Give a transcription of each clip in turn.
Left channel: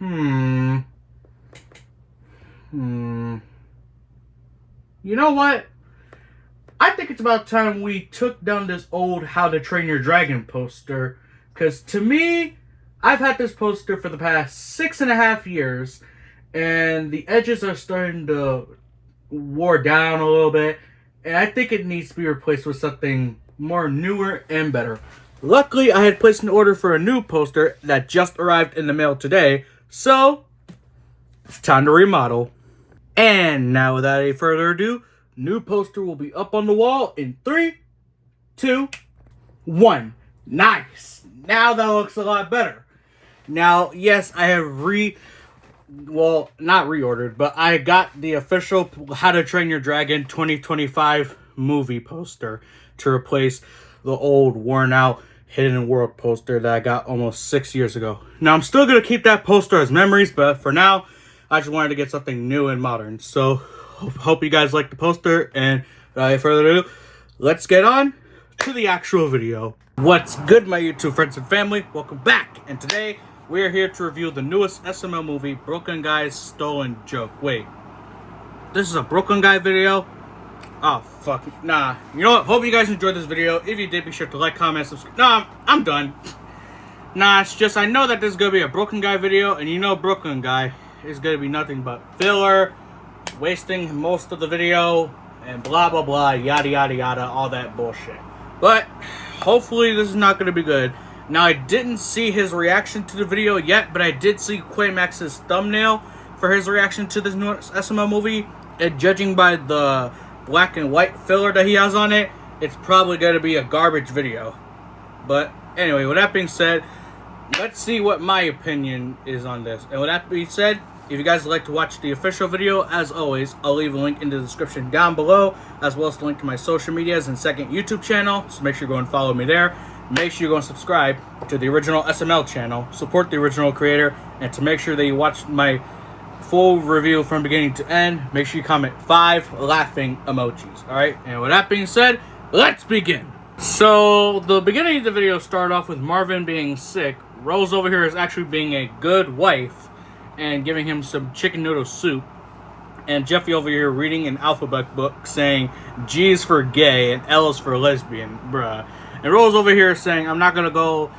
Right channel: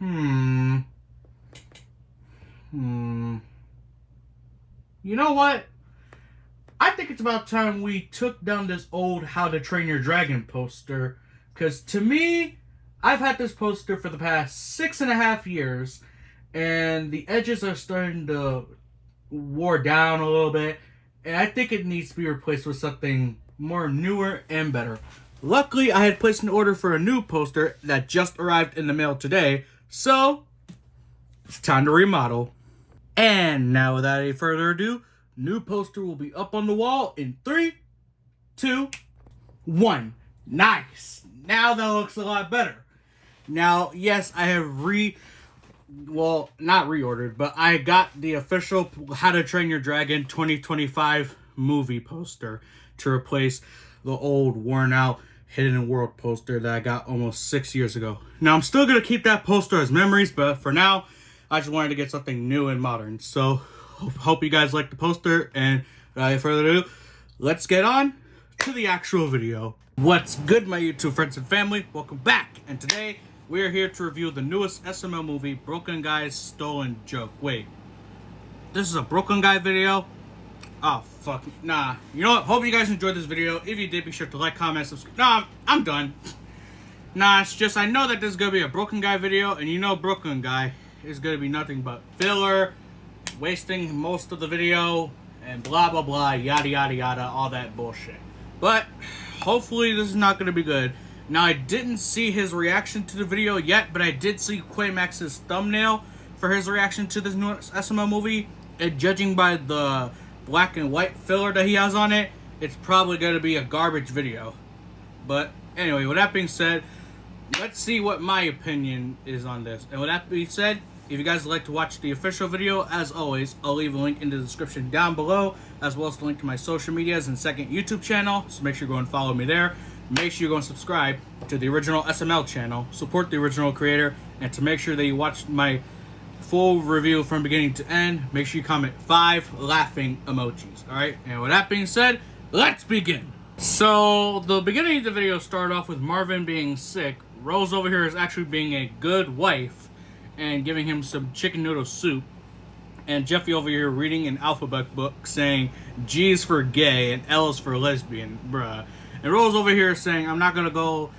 Hmm. Hmm. You know what? I think it's about time we took down this old How to Train Your Dragon poster. Because to me, I've had this poster for the past 6.5 years, and the edges are starting to wore down a little bit, and I think it needs to be replaced with something more newer and better. Luckily, I had placed an order for a new poster that just arrived in the mail today, so it's time to remodel. And now, without any further ado, new poster will be up on the wall in 3, 2, 1. Nice. Now that looks a lot better. Now, yes, I have not reordered, but I got the official How to Train Your Dragon 2025 movie poster to replace the old, worn out Hidden World poster that I got almost 6 years ago. Now, I'm still going to keep that poster as memories, but for now, I just wanted to get something new and modern. So, hope you guys like the poster, and without any further ado, let's get on to the actual video. What's good, my YouTube friends and family? Welcome back, and today, we are here to review the newest SML movie, Broken Guy's Stolen Joke. Wait, this is a Broken Guy video? Oh, fuck. Nah. You know what? Hope you guys enjoyed this video. If you did, be sure to like, comment, subscribe. Nah, I'm done. Nah, it's just I know that this is going to be a Broken Guy video, and you know Broken Guy is going to be nothing but filler, wasting most of the video, and blah, blah, blah, yada, yada, yada, all that bullshit. But, hopefully this is not going to be good. Now, I didn't see his reaction to the video yet, but I did see Quaymax's thumbnail for his reaction to this new SML movie. And judging by the black and white filler that he has on it, it's probably going to be a garbage video. But anyway, with that being said, let's see what my opinion is on this. And with that being said, if you guys would like to watch the official video, as always, I'll leave a link in the description down below, as well as the link to my social medias and second YouTube channel. So make sure you go and follow me there. Make sure you go and subscribe to the original SML channel, support the original creator, and to make sure that you watch my full review from beginning to end, make sure you comment 5 laughing emojis, alright? And with that being said, let's begin. So, the beginning of the video started off with Marvin being sick. Rose over here is actually being a good wife and giving him some chicken noodle soup. And Jeffy over here reading an alphabet book saying G is for gay and L is for lesbian, bruh. And Rose over here saying, I'm not gonna go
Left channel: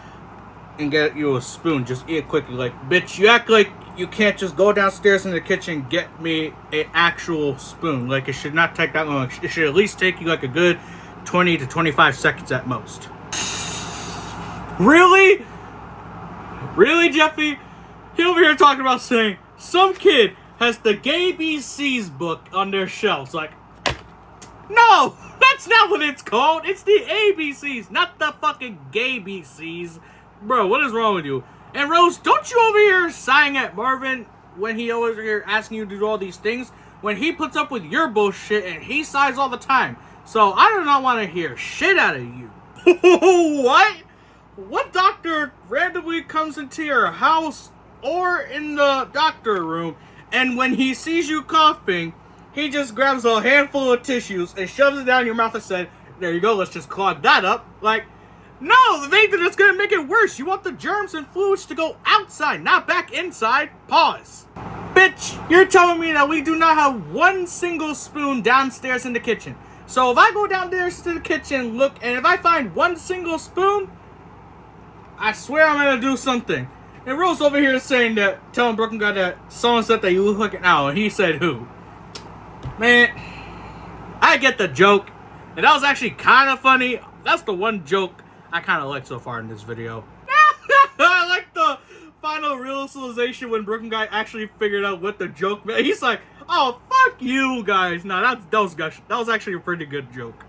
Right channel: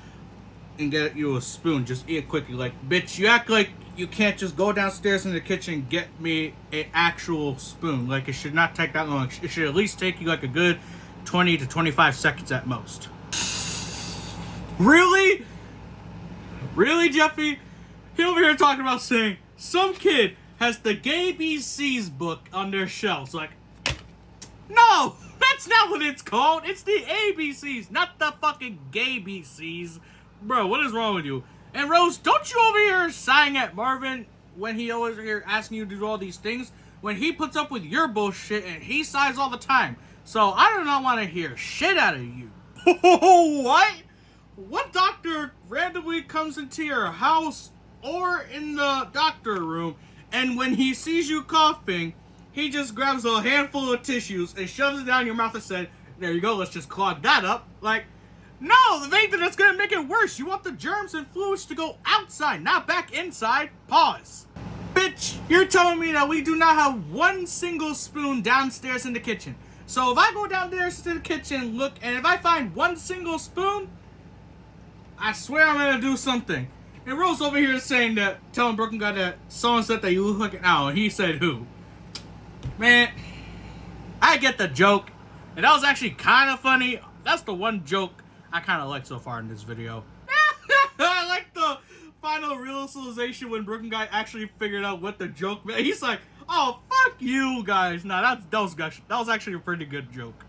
and get you a spoon, just eat it quickly. Like, bitch, you act like you can't just go downstairs in the kitchen and get me an actual spoon. Like, it should not take that long. It should at least take you like a good 20 to 25 seconds at most. Really? Really, Jeffy? He over here talking about saying some kid has the Gay BC's book on their shelves. Like, no! That's not what it's called. It's the ABCs, not the fucking Gay BCs. Bro, what is wrong with you? And Rose, don't you over here sighing at Marvin when he over here asking you to do all these things? When he puts up with your bullshit and he sighs all the time. So I do not want to hear shit out of you. What? What doctor randomly comes into your house or in the doctor room, and when he sees you coughing, he just grabs a handful of tissues and shoves it down your mouth and said, there you go, let's just clog that up. Like, no, the thing that's gonna make it worse. You want the germs and fluids to go outside, not back inside. Pause. Bitch, you're telling me that we do not have one single spoon downstairs in the kitchen. So if I go downstairs to the kitchen, look, and if I find one single spoon, I swear I'm gonna do something. And Rose over here is saying that, telling Broken Guy that someone said that you look like an owl, and he said who? Man, I get the joke, and that was actually kind of funny. That's the one joke I kind of like so far in this video. I like the final realization when Broken Guy actually figured out what the joke meant. He's like, oh, fuck you guys. No, that was actually a pretty good joke.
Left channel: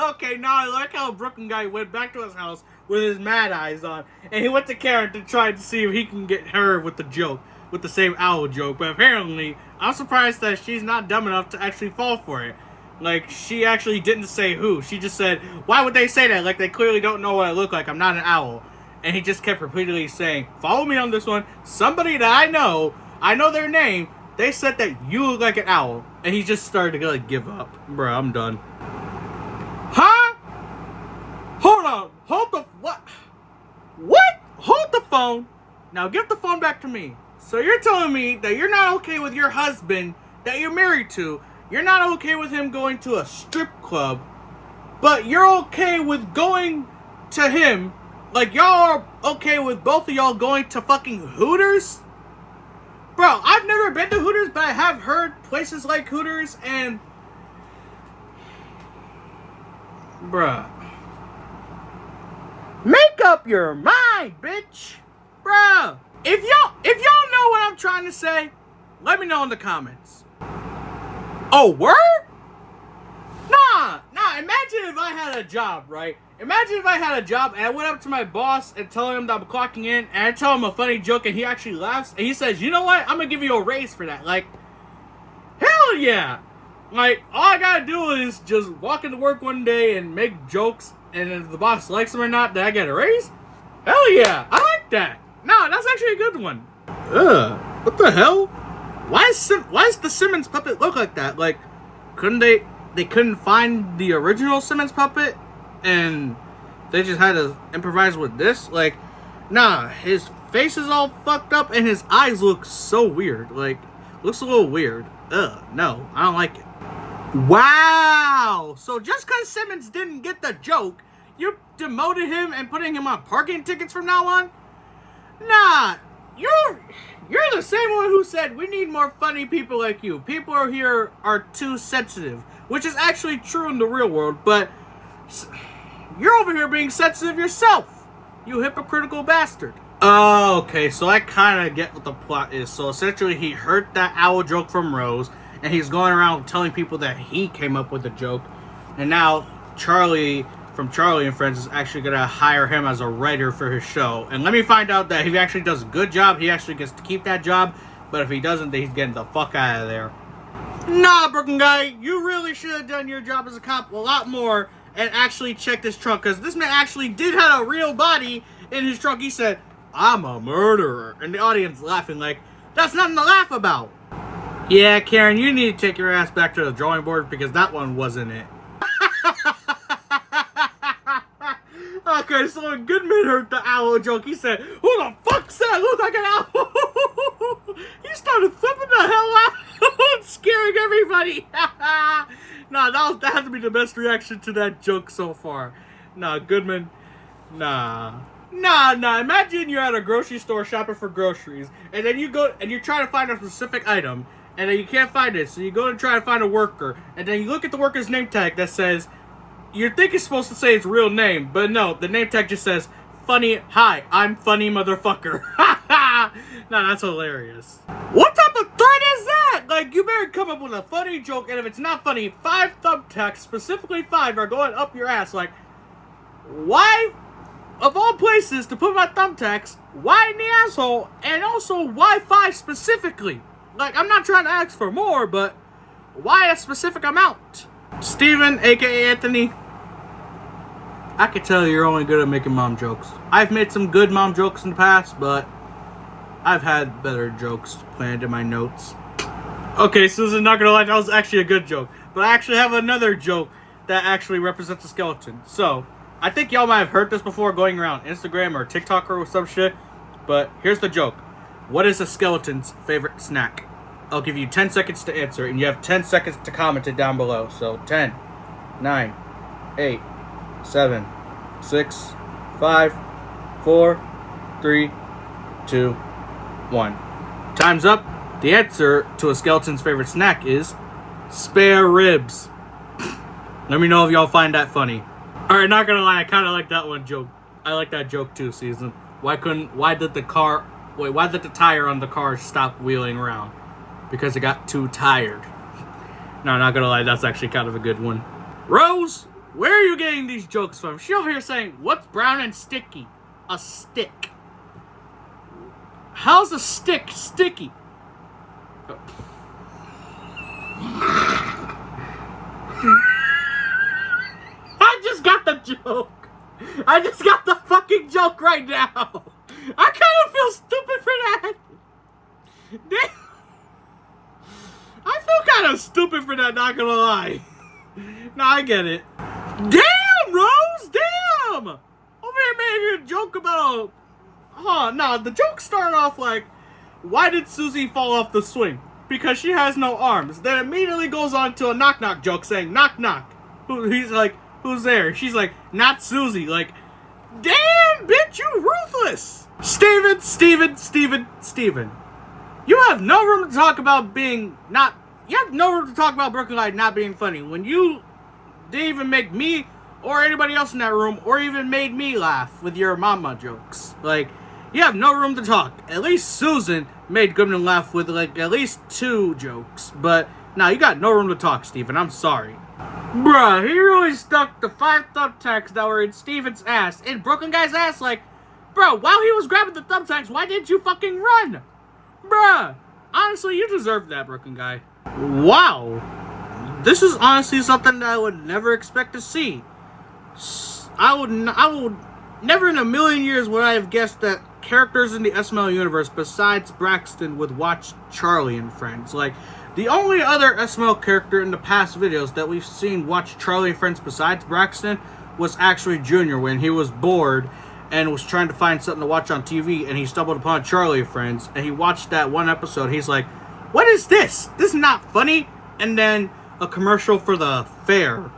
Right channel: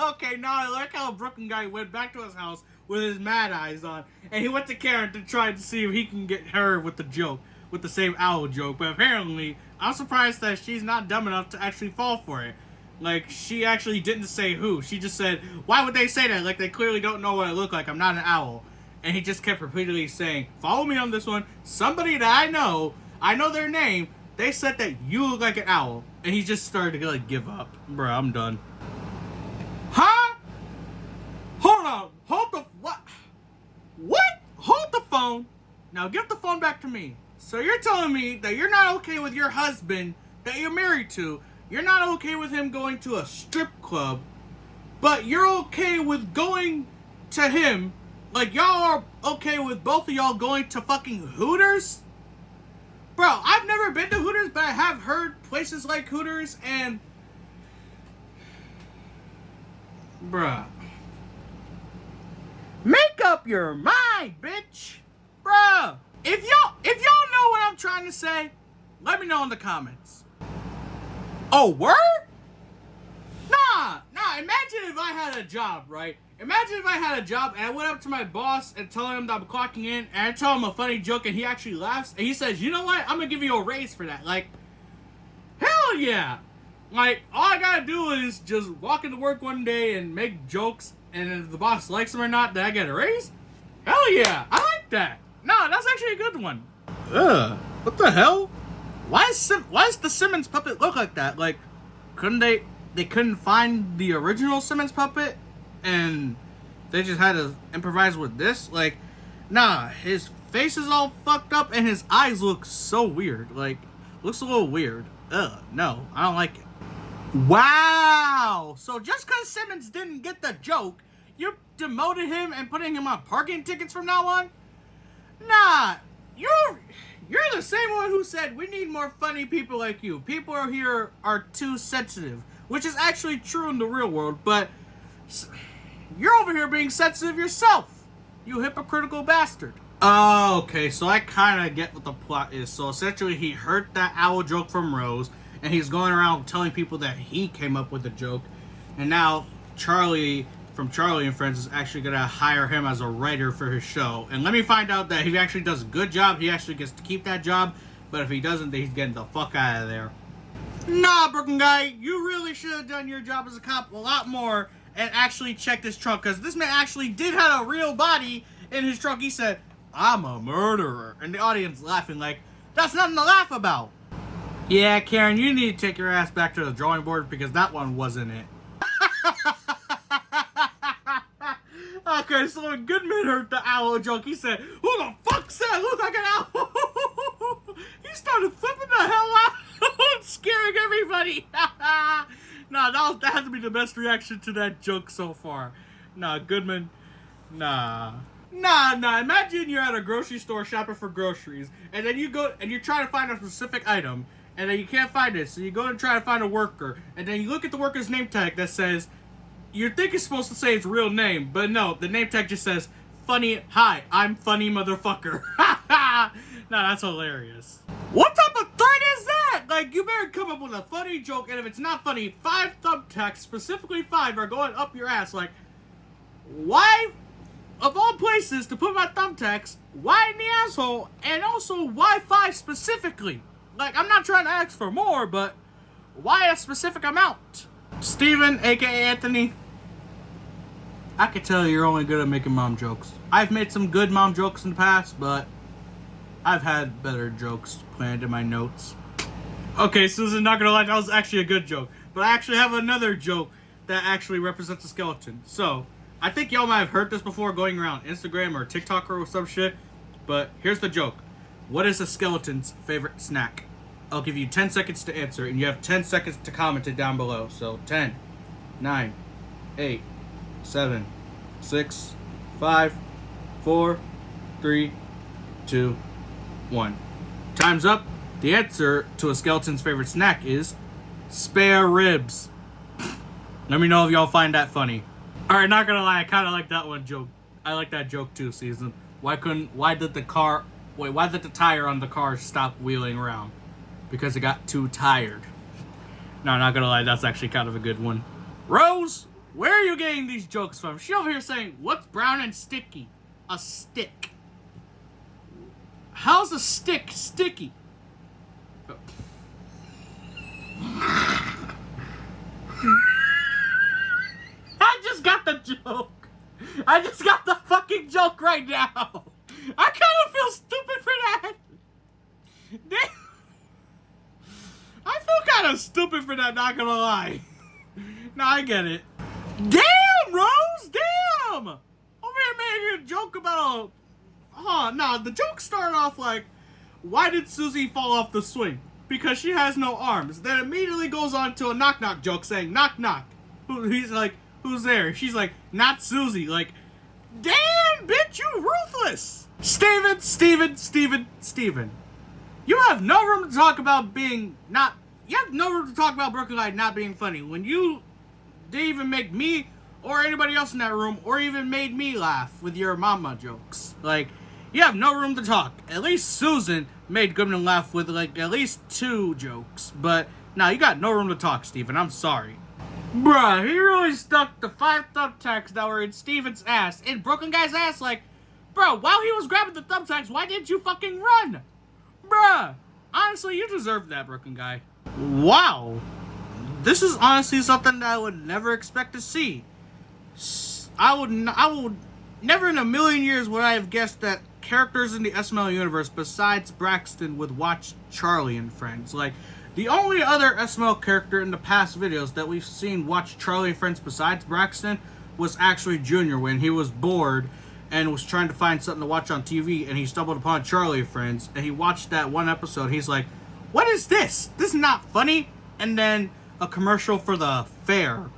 Okay, now I like how Broken Guy went back to his house with his mad eyes on, and he went to Karen to try to see if he can get her with the joke, with the same owl joke. But apparently, I'm surprised that she's not dumb enough to actually fall for it. Like, she actually didn't say who. She just said, why would they say that? Like, they clearly don't know what I look like. I'm not an owl. And he just kept repeatedly saying, follow me on this one. Somebody that I know their name, they said that you look like an owl. And he just started to, like, give up. Bruh, I'm done. Huh? Hold on. Hold the... What? What? Hold the phone. Now give the phone back to me. So you're telling me that you're not okay with your husband that you're married to. You're not okay with him going to a strip club, but you're okay with going to him. Like, y'all are okay with both of y'all going to fucking Hooters? Bro, I've never been to Hooters, but I have heard places like Hooters, and bruh, make up your mind, bitch. Bruh, if y'all know what I'm trying to say, let me know in the comments. Oh, word? Nah, imagine if I had a job, right? Imagine if I had a job and I went up to my boss and told him that I'm clocking in, and I tell him a funny joke and he actually laughs, and he says, you know what, I'm gonna give you a raise for that. Like, hell yeah. Like, all I gotta do is just walk into work one day and make jokes, and if the boss likes them or not, then I get a raise? Hell yeah, I like that. No, that's actually a good one. What the hell? Why does the Simmons puppet look like that? Like, they couldn't find the original Simmons puppet, and they just had to improvise with this? Like, nah, his face is all fucked up, and his eyes look so weird. Like, looks a little weird. No, I don't like it. Wow! So just because Simmons didn't get the joke, you demoted him and putting him on parking tickets from now on? Nah, you're the same one who said we need more funny people like you. People here are too sensitive, which is actually true in the real world, but you're over here being sensitive yourself, you hypocritical bastard. Oh, okay, so I kind of get what the plot is. So essentially he heard that owl joke from Rose, and he's going around telling people that he came up with the joke, and now Charlie from Charlie and Friends is actually going to hire him as a writer for his show. And let me find out that if he actually does a good job, he actually gets to keep that job, but if he doesn't, then he's getting the fuck out of there. Nah, Brooklyn guy, you really should have done your job as a cop a lot more and actually checked his trunk, because this man actually did have a real body in his trunk. He said, I'm a murderer, and the audience laughing like, that's nothing to laugh about. Yeah, Karen, you need to take your ass back to the drawing board, because that one wasn't it. Okay, so when Goodman heard the owl joke, he said, who the fuck said I look like an owl? He started flipping the hell out and scaring everybody. Nah, that had to be the best reaction to that joke so far. Nah, Goodman, nah. Imagine you're at a grocery store shopping for groceries, and then you go and you're trying to find a specific item, and then you can't find it, so you go to try to find a worker, and then you look at the worker's name tag that says, you think it's supposed to say his real name, but no, the name tag just says, funny, hi, I'm funny motherfucker. Nah, that's hilarious. What type of threat is that? Like, you better come up with a funny joke, and if it's not funny, 5 thumbtacks, specifically 5, are going up your ass. Like, why, of all places to put my thumbtacks, why in the asshole, and also why 5 specifically? Like, I'm not trying to ask for more, but why a specific amount? Steven, aka Anthony, I could tell you're only good at making mom jokes. I've made some good mom jokes in the past, but I've had better jokes planned in my notes. Okay, Susan, not gonna lie, that was actually a good joke. But I actually have another joke that actually represents a skeleton. So, I think y'all might have heard this before going around Instagram or TikTok or some shit. But here's the joke. What is a skeleton's favorite snack? I'll give you 10 seconds to answer, and you have 10 seconds to comment it down below. So, 10, 9, 8, 7, 6, 5, 4, 3, 2, 1. Time's up. The answer to a skeleton's favorite snack is spare ribs. Let me know if y'all find that funny. Alright, not gonna lie, I kinda like that one joke. I like that joke too, Season. Why did the tire on the car stop wheeling around? Because it got too tired. No, not gonna lie, that's actually kind of a good one. Rose, where are you getting these jokes from? She over here saying, what's brown and sticky? A stick. How's a stick sticky? I just got the joke. I just got the fucking joke right now. I kind of feel stupid for that. I feel kind of stupid for that, not gonna lie. No, I get it. Damn, Rose, damn! Over here making a joke about no, the joke started off like, why did Susie fall off the swing? Because she has no arms. Then immediately goes on to a knock-knock joke saying, knock, knock. He's like, who's there? She's like, not Susie. Like, damn, bitch, you ruthless. Steven. You have no room to talk about being not... You have no room to talk about Brooklyn Light not being funny. When you didn't even make me or anybody else in that room or even made me laugh with your mama jokes. Like, you have no room to talk. At least Susan made Goodman laugh with, like, at least 2 jokes. But, no, you got no room to talk, Steven. I'm sorry. Bruh, he really stuck the 5 thumbtacks that were in Steven's ass, in Brooklyn Guy's ass, like, bro, while he was grabbing the thumbtacks, why didn't you fucking run? Bruh, honestly, you deserve that, Brooklyn Guy. Wow. This is honestly something that I would never expect to see. I would never in a million years would I have guessed that characters in the SML universe besides Braxton would watch Charlie and Friends. Like, the only other SML character in the past videos that we've seen watch Charlie and Friends besides Braxton was actually Junior when he was bored and was trying to find something to watch on TV, and he stumbled upon Charlie and Friends, and he watched that one episode. He's like, what is this? This is not funny. And then a commercial for the fair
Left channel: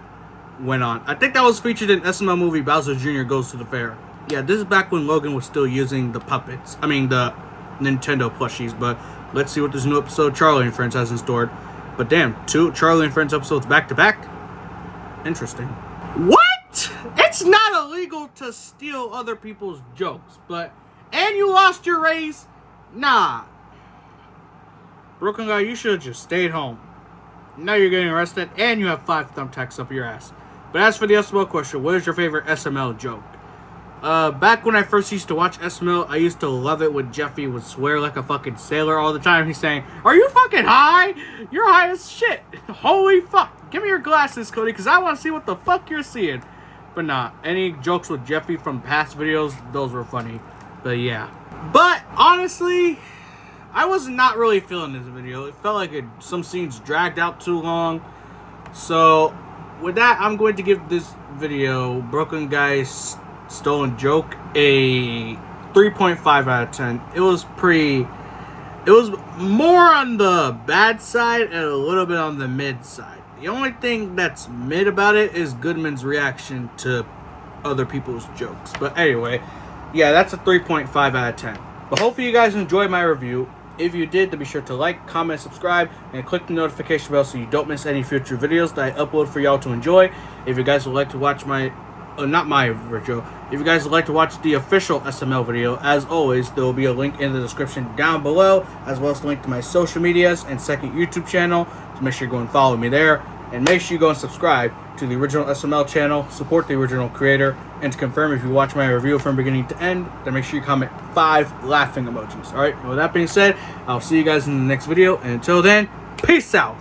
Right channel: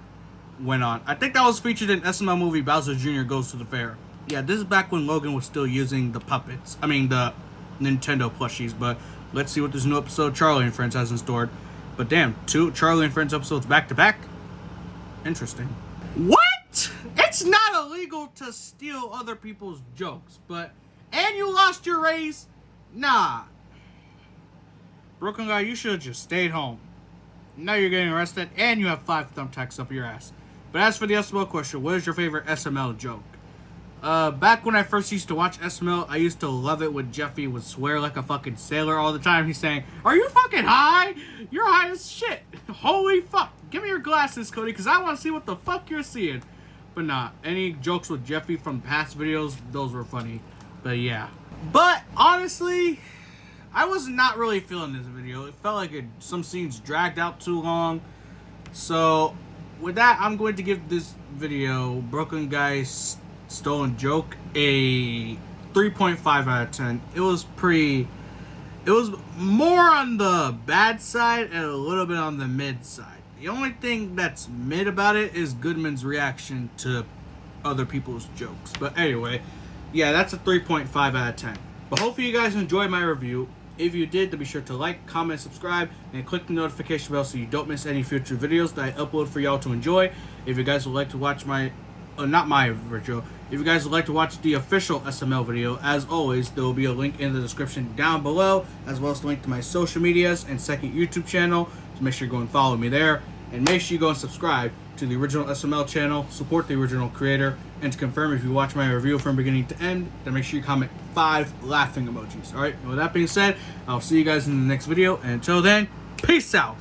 went on. I think that was featured in SML movie Bowser Jr. Goes to the Fair. Yeah, this is back when Logan was still using the puppets. I mean, the Nintendo plushies. But let's see what this new episode Charlie and Friends has in store. But damn, 2 Charlie and Friends episodes back to back? Interesting. What? It's not illegal to steal other people's jokes, but... And you lost your raise? Nah. Brooklyn Guy, you should have just stayed home. Now you're getting arrested, and you have 5 thumbtacks up your ass. But as for the SML question, what is your favorite SML joke? Back when I first used to watch SML, I used to love it when Jeffy would swear like a fucking sailor all the time. He's saying, are you fucking high? You're high as shit. Holy fuck. Give me your glasses, Cody, because I want to see what the fuck you're seeing. But nah, any jokes with Jeffy from past videos, those were funny. But yeah. But honestly, I was not really feeling this video. It felt like some scenes dragged out too long. So, with that, I'm going to give this video, Brooklyn Guy's Stolen Joke, a 3.5 out of 10. It was more on the bad side and a little bit on the mid side. The only thing that's mid about it is Goodman's reaction to other people's jokes. But anyway, yeah, that's a 3.5 out of 10. But hopefully you guys enjoyed my review. If you did, then be sure to like, comment, subscribe, and click the notification bell so you don't miss any future videos that I upload for y'all to enjoy. If you guys would like to watch my, not my video, if you guys would like to watch the official SML video, as always, there will be a link in the description down below, as well as the link to my social medias and second YouTube channel. So make sure you go and follow me there. And make sure you go and subscribe to the original SML channel, support the original creator, and to confirm if you watch my review from beginning to end, then make sure you comment 5 laughing emojis. Alright, and with that being said, I'll see you guys in the next video, and until then, peace out!